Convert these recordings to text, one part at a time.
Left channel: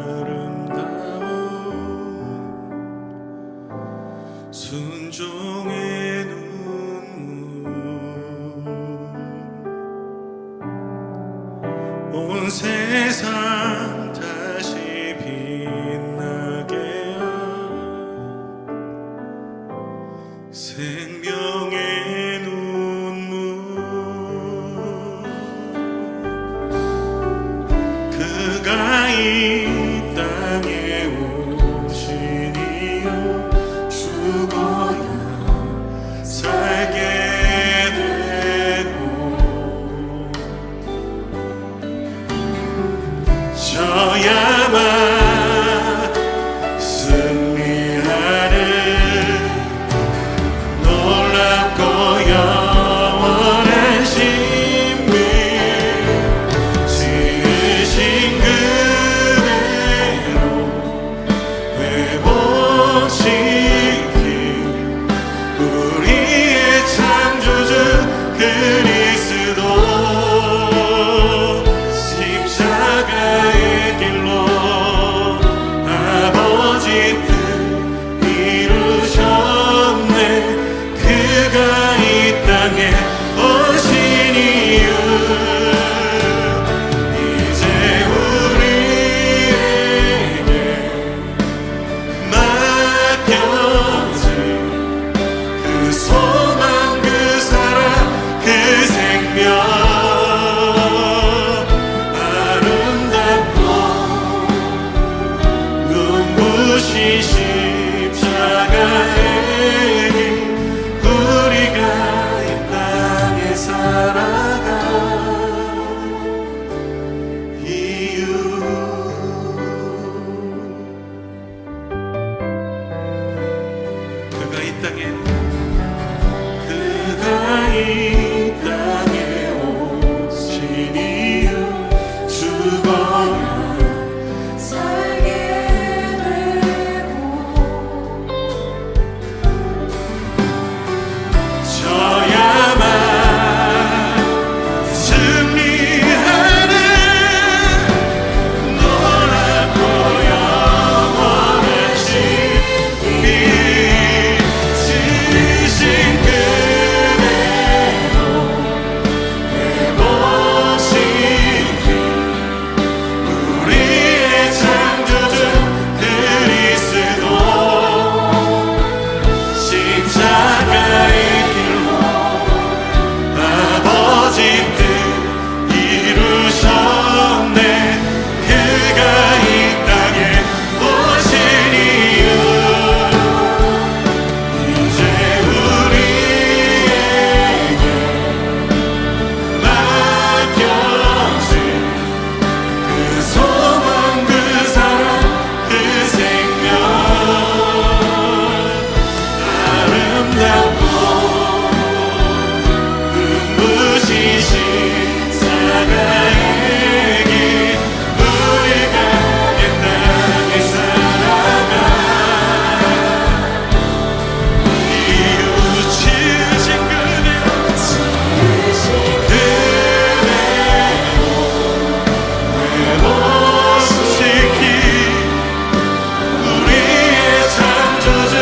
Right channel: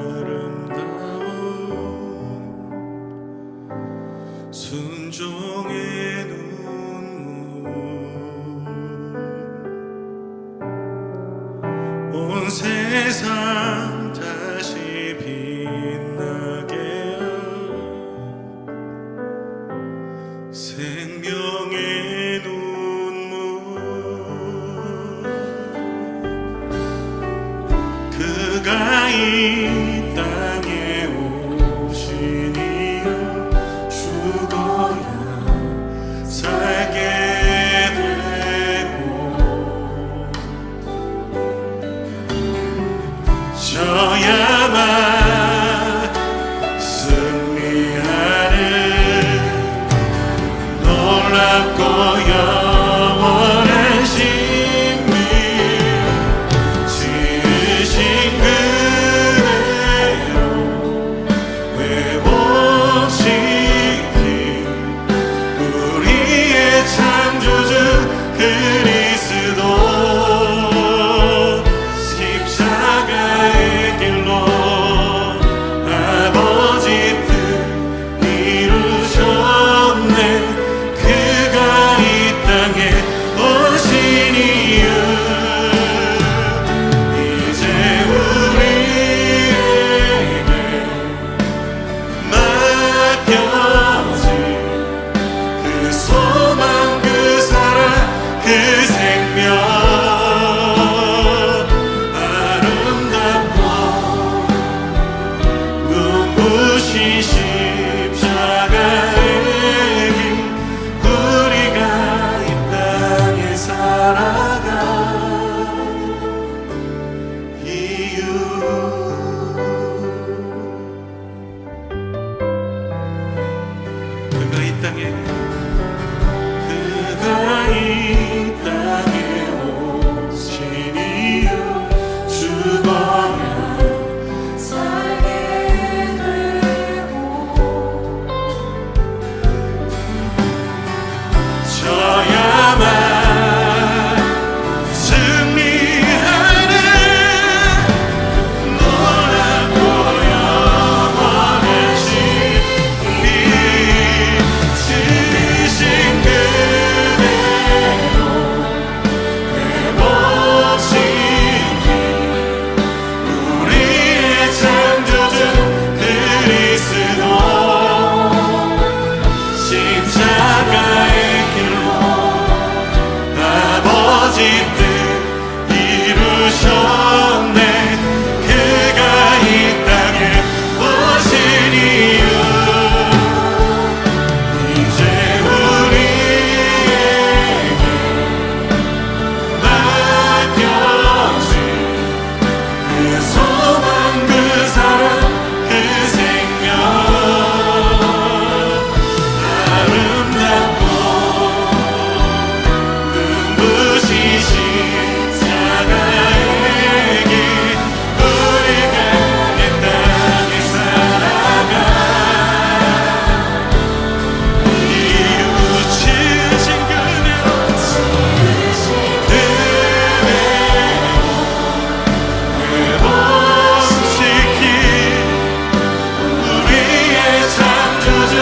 아름다운 순종의 눈물 온 세상 다시 빛나게 하여 생명의 눈물 그가 이 땅에 오신 이유 죽어야 살게 되고 져야만 승리하는 놀랍고 영원한 신비 지으신 그대로 회복시킨 우리의 창조주 그리스도 십자가의 길로 아버지 뜻 이루셨네 그가 이 땅에 오신 이유 이제 우리에게 맡겨진 그 소망 그 사랑 그 생명 아름답고 눈부신 십자가의 길 우리가 이 땅에 살아가 이유 그가 이 땅에 오신 이유 죽어야 살게 되고 져야만 승리하는 놀랍고 영원한 신비 지으신 그대로 회복시킨 우리의 창조주 그리스도 십자가의 길로 아버지 뜻 이루셨네 그가 이 땅에 오신 이유 이제 우리에게 맡겨진 그 소망 그 사랑 그 생명 아름답고 눈부신 십자가의 길 우리가 이 땅에 살아가 이유 지으신 그대로 회복시킨 우리의 창조주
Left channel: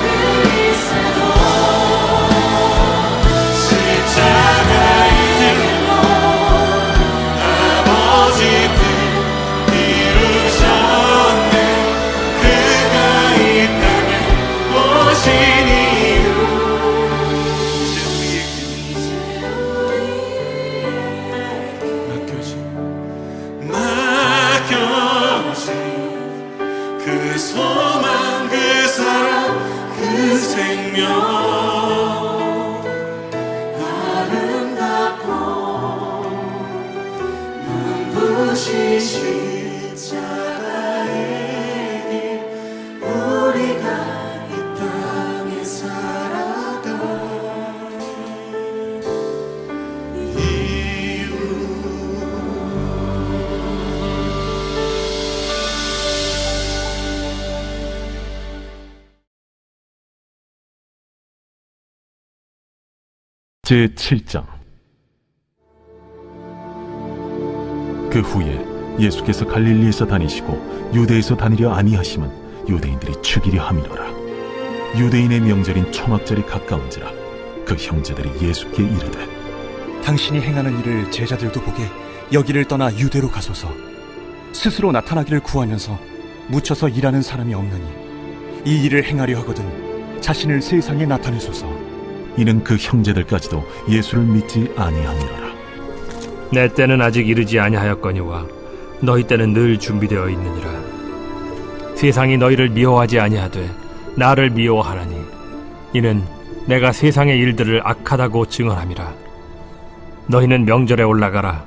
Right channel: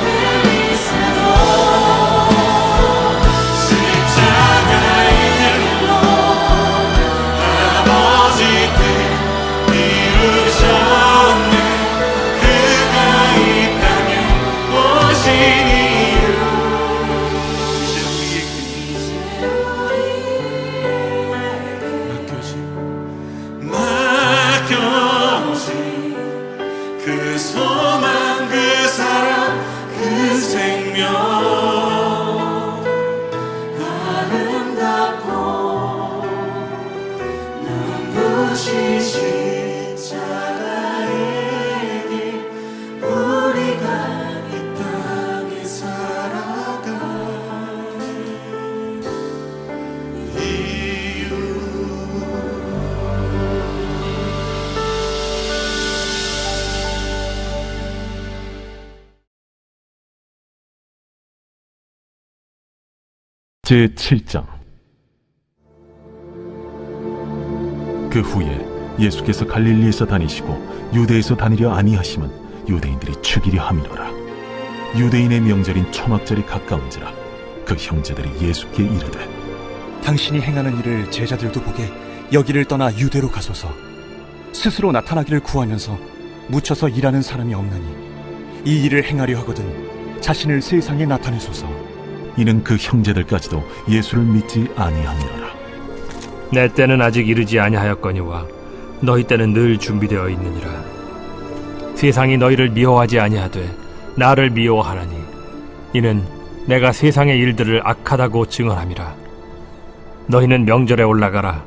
그리스도 십자가의 길로 아버지 뜻 이루셨네 그가 이 땅에 오신 이유 이제 우리에게 맡겨진 그 소망 그 사랑 그 생명 아름답고 눈부신 십자가의 길 우리가 이 땅에 살아가 이유 제7장 그 후에 예수께서 갈릴리에서 다니시고 유대에서 다니려 아니하심은 유대인들이 죽이려 함이로라. 유대인의 명절인 초막절이 가까운지라 그 형제들이 예수께 이르되 당신이 행하는 일을 제자들도 보게 여기를 떠나 유대로 가소서. 스스로 나타나기를 구하면서 묻혀서 일하는 사람이 없나니 이 일을 행하려 하거든 자신을 세상에 나타내소서. 이는 그 형제들까지도 예수를 믿지 아니함이로라. 내 때는 아직 이르지 아니하였거니와 너희 때는 늘 준비되어 있느니라. 세상이 너희를 미워하지 아니하되 나를 미워하나니 이는 내가 세상의 일들을 악하다고 증언함이라. 너희는 명절에 올라가라.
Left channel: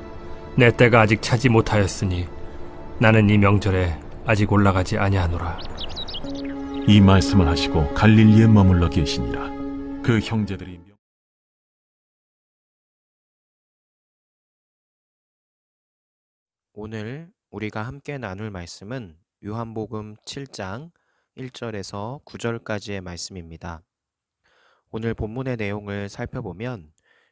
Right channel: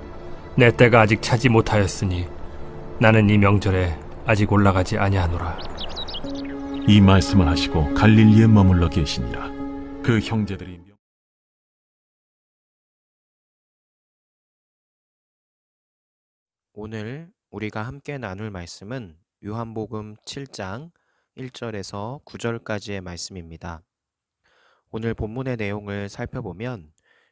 내 때가 아직 차지 못하였으니 나는 이 명절에 아직 올라가지 아니하노라. 이 말씀을 하시고 갈릴리에 머물러 계시니라. 그 형제들이 오늘 우리가 함께 나눌 말씀은 요한복음 7장 1절에서 9절까지의 말씀입니다. 오늘 본문의 내용을 살펴보면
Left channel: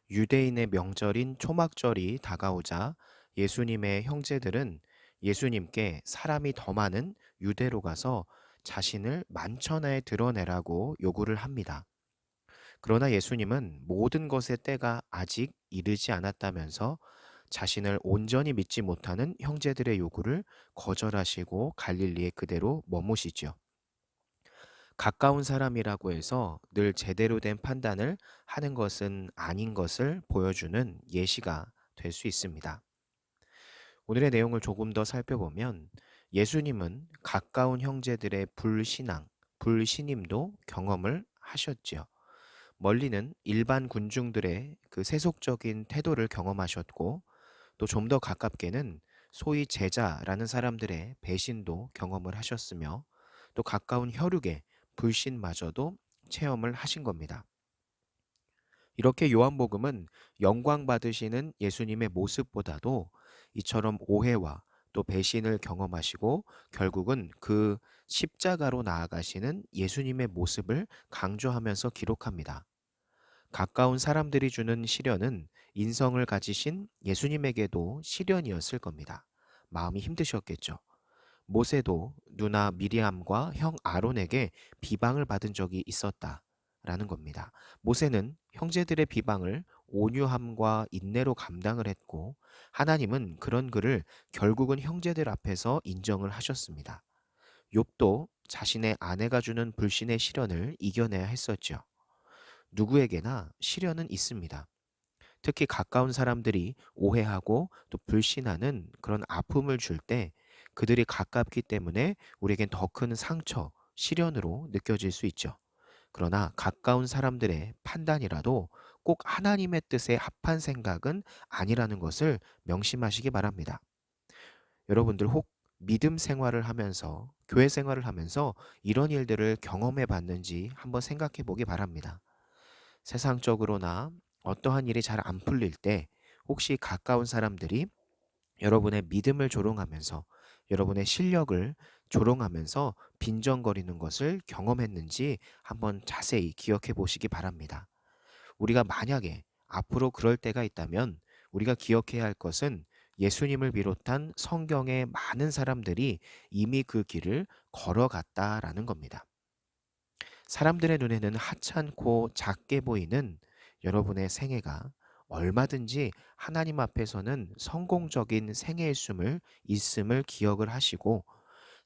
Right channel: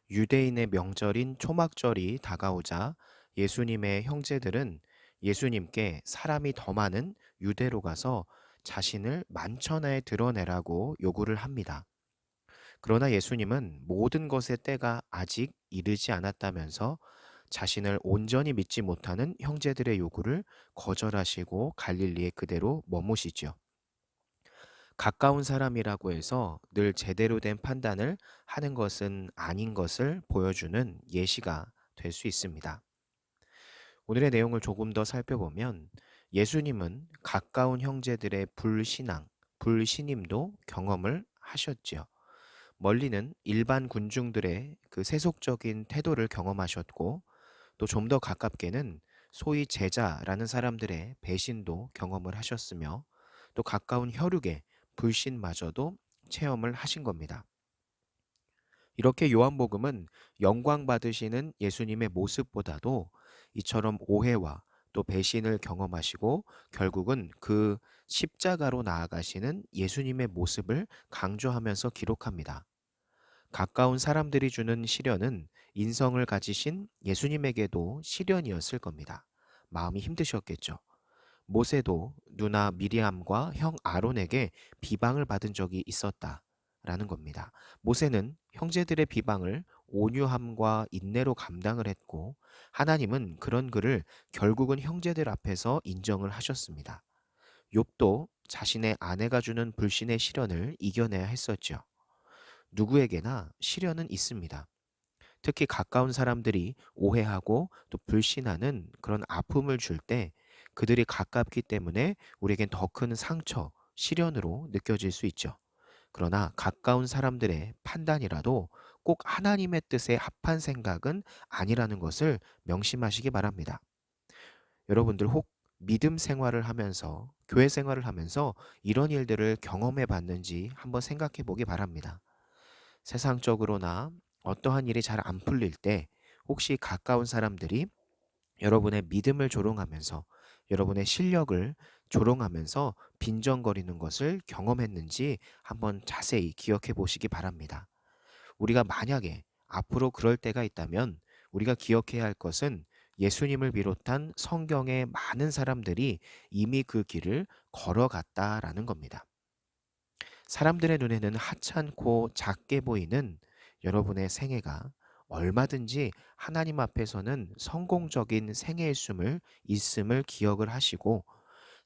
유대인의 명절인 초막절이 다가오자 예수님의 형제들은 예수님께 사람이 더 많은 유대로 가서 자신을 만천하에 드러내라고 요구를 합니다. 그러나 예수님은 모든 것의 때가 아직 이르지 않았다면서 자신을 온전히 믿지 못하는 형제들의 요구를 거절하시고 갈릴리에 그대로 머무시죠. 가까운 사람이라고 해서 늘 제대로 된 판단을 하는 것은 아닌 것을 보여주는 예시가 될 수 있습니다. 오늘의 내용을 조금 더 살펴보면 예수님은 가까운 형제들의 불신앙, 불신임도 경험을 하셨지요. 멀리는 일반 군중들의 그 세속적인 태도를 경험하셨고 또 좀 더 가깝게는 소위 제자라는 사람들의 배신도 경험을 하셨으며 또 가까운 혈육의 불신마저도 체험을 하신 겁니다. 이렇게 요한복음은 영광 받으시는 예수님의 모습보다도 이처럼 오해와 또 배신을 경험하시고 결국은 그 십자가로 나아가시는 예수님의 모습을 강조하면서 기록합니다. 가까운 사람들이 주는 시련은 인성을 가지신 예수님에게도 시련이었을 겁니다. 마음이 힘드셨겠죠. 모세도 누나 미리암과 형 아론에게 비방을 받은 적이 있었다라는 겁니다. 모세는 형제들의 비방을 온유함과 인내로 감당을 했고 하나님은 그런 그를 결국은 형제들 앞에서 인정을 하셨습니다. 욥도 자신의 아내가 주는 불신의 시련을 이겨내야 했었죠. 누구에게나 시련은 있습니다. 특히 가까운 사람들이 오해하고 또 불신하는 그런 아픔을 줄 때 그들이 가깝기 때문에 우리에겐 더 큰 상처, 시련으로 느껴질 수 있죠. 그러나 가까운 사람들의 판단이라도 꼭 하나님의 뜻에 합한 생각은 아니라는 것을 명심하시기 바랍니다. 여러분들 혹 믿음 생활을 하면서, 교회 생활을 하면서 이런 일들을 경험해 봤는지 한번 생각해 보기 바랍니다. 세상적으로나 어떠한 일이 잘 안 풀릴 때 혹시 가까운 사람들이 여러분의 믿음을 조롱하면서 여러분의 실력을 조롱하면서 빈정거리는 것을 경험했는지 한번 자세히 기억해 보시기 바랍니다. 우리가 만약에 앞으로 그럴 때가 있다면 우리가 기억해야 할 것은 예수님을 비롯한 성경의 많은 사람들이 이미 그 길을 걸어갔다라는 겁니다. 사람들의 눈에는 하찮고 작게 보이는 여러분의 생애가 얼마든지 하나님 앞에서는 성공적인 있음을 기억을 하시고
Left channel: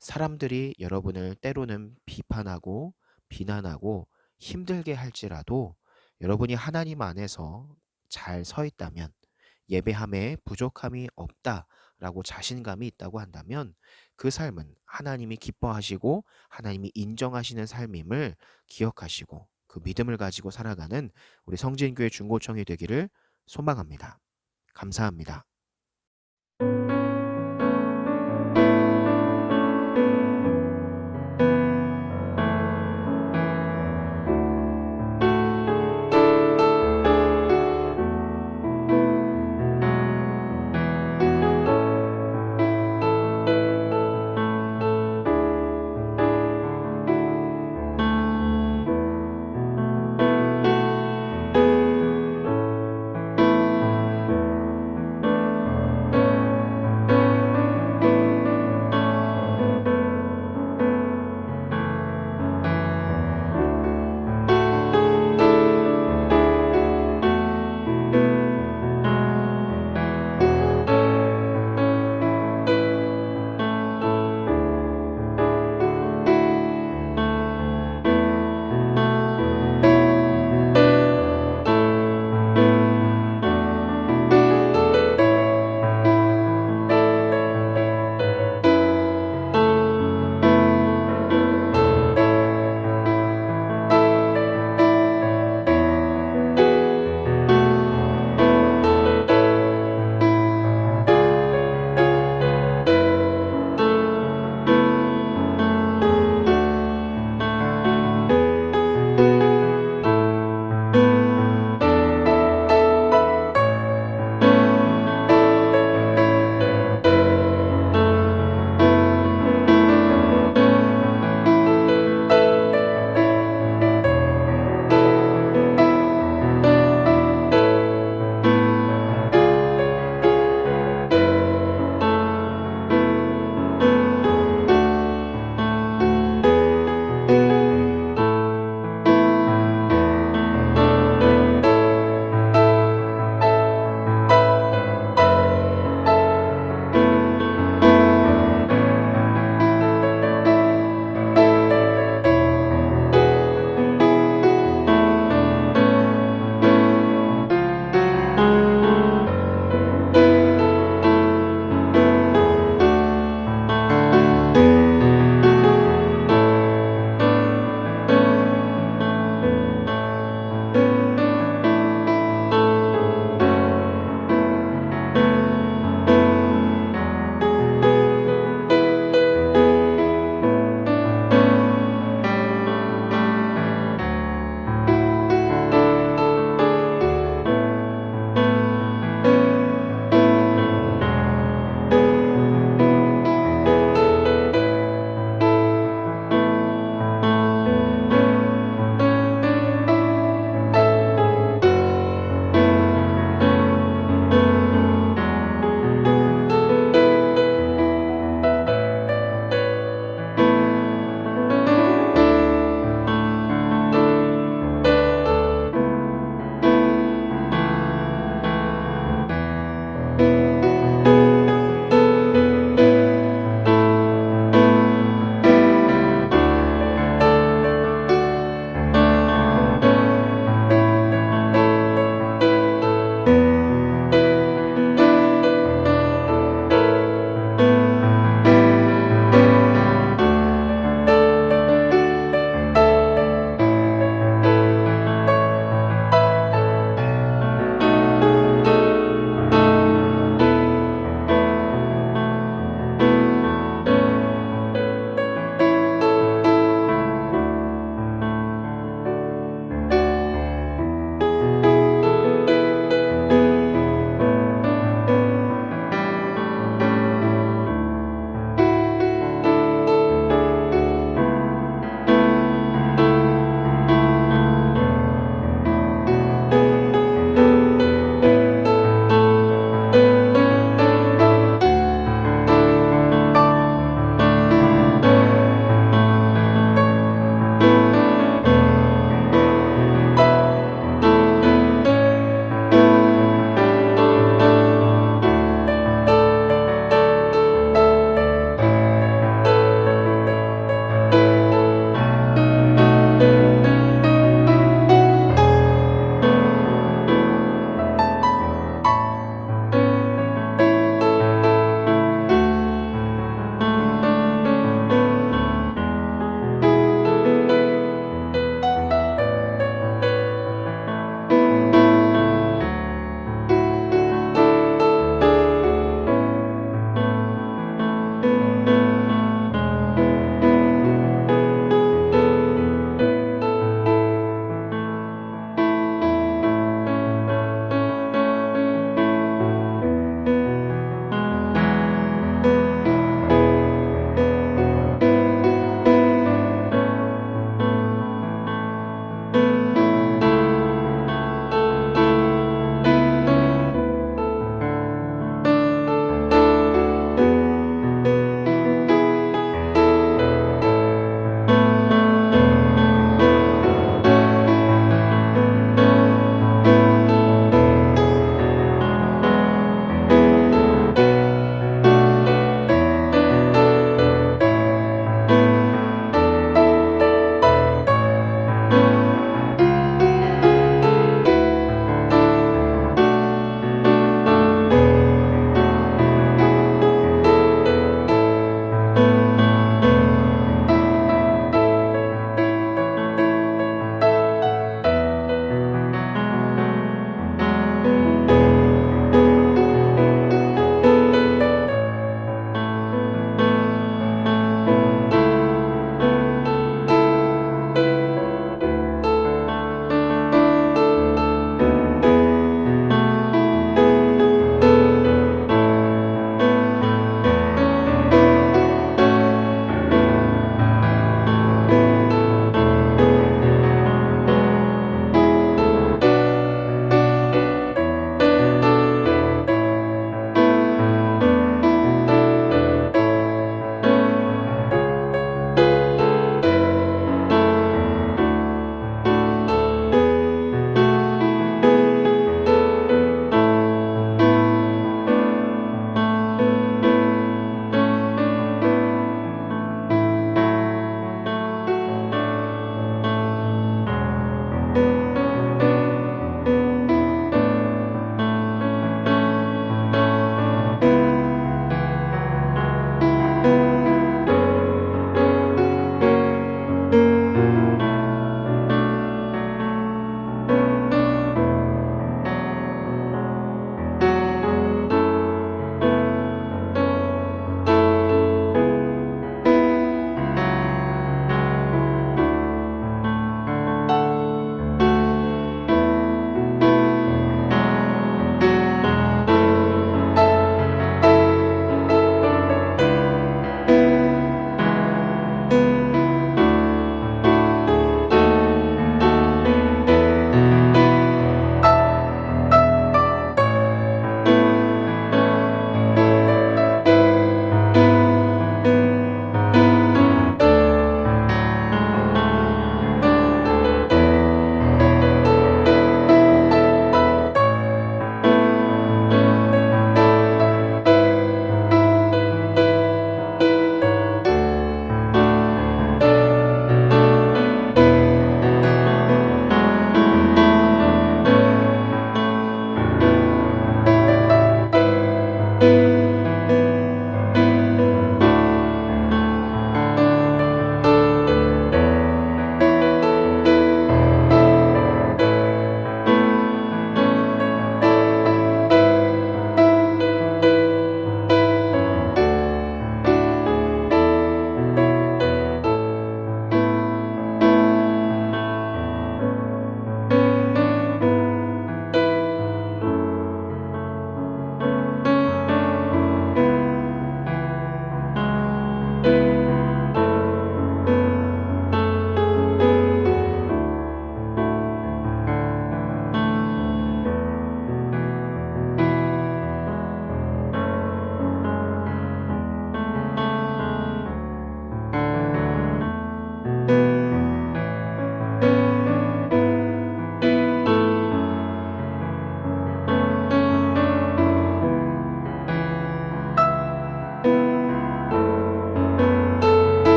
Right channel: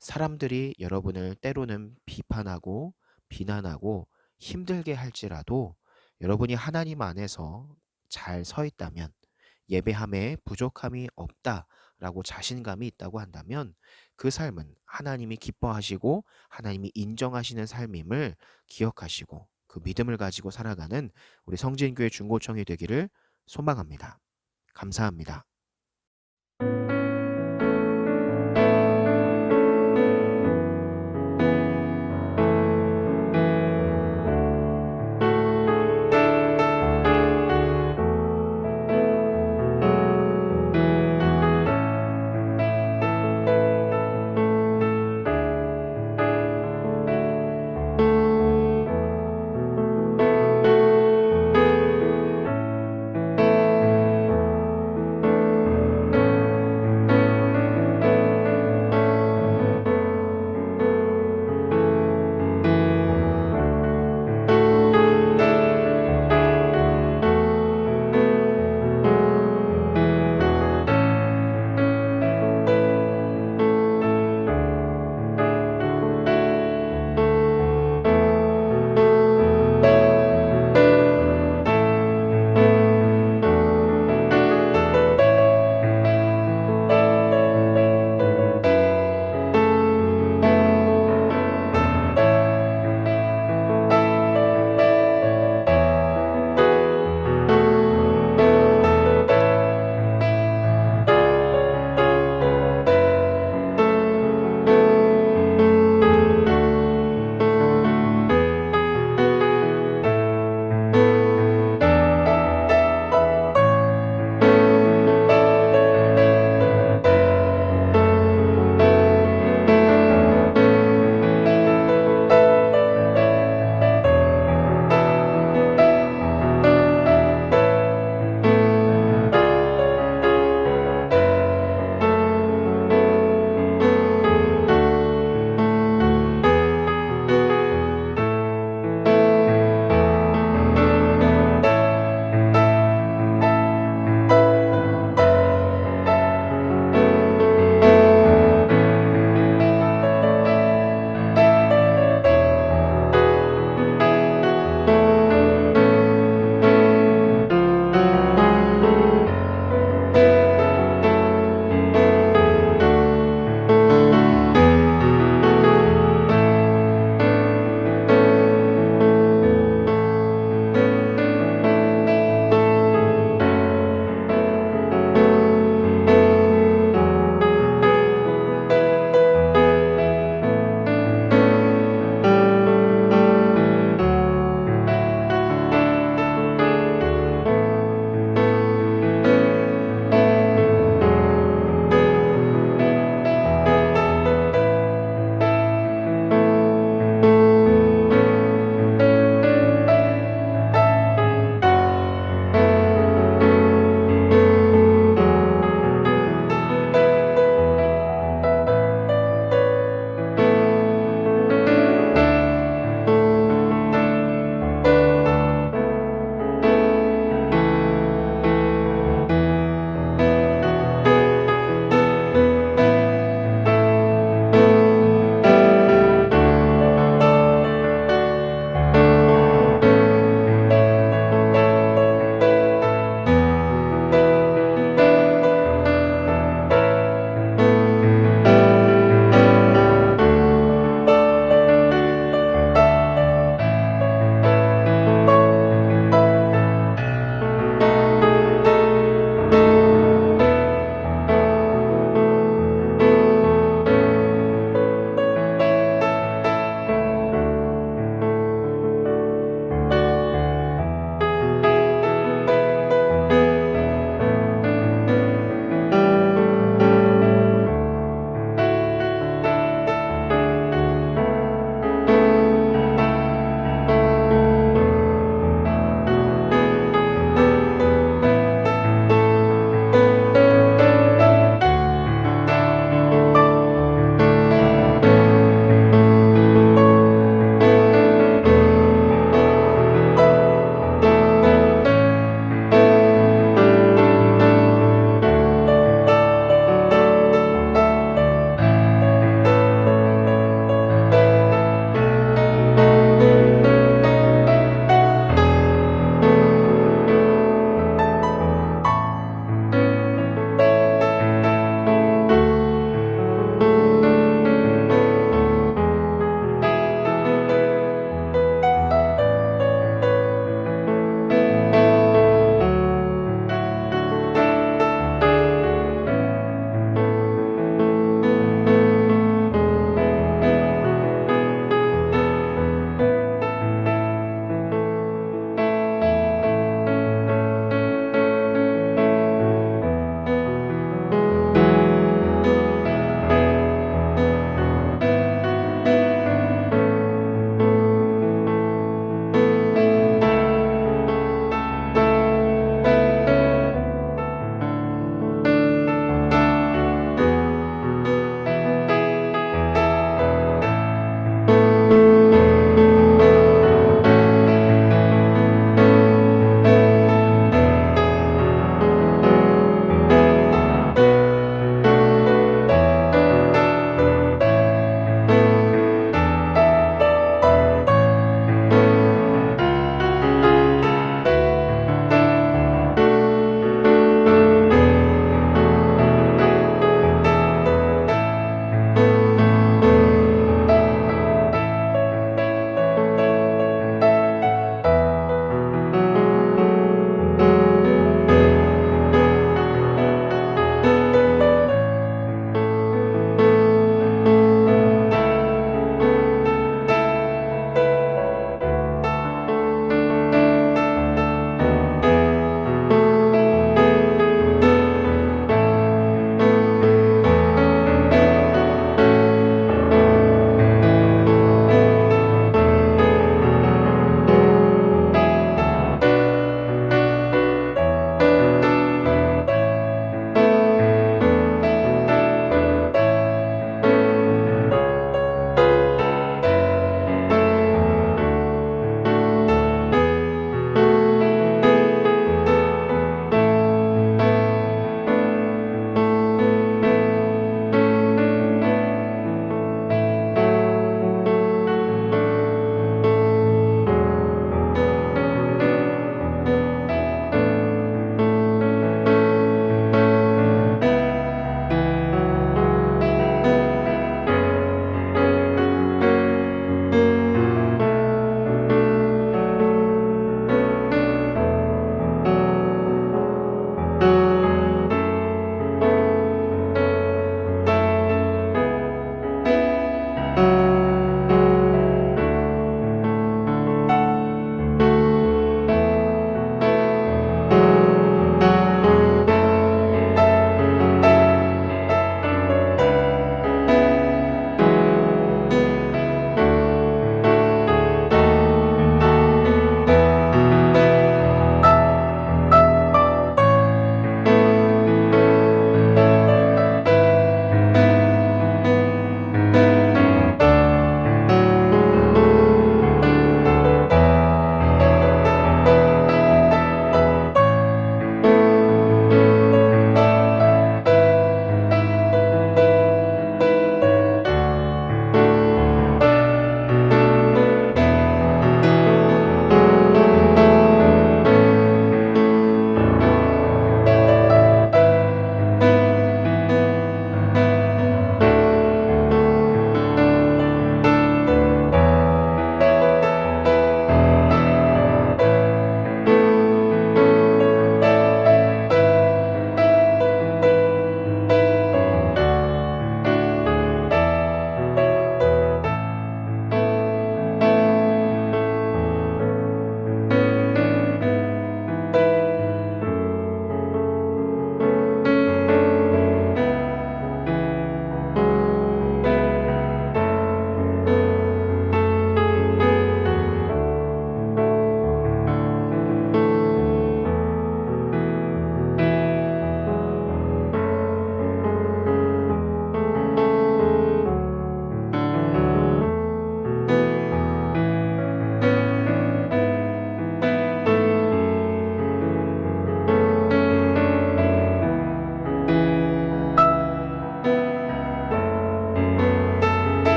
사람들이 여러분을 때로는 비판하고 비난하고 힘들게 할지라도 여러분이 하나님 안에서 잘 서 있다면 예배함에 부족함이 없다라고 자신감이 있다고 한다면 그 삶은 하나님이 기뻐하시고 하나님이 인정하시는 삶임을 기억하시고 그 믿음을 가지고 살아가는 우리 성진교회 중고청이 되기를 소망합니다. 감사합니다.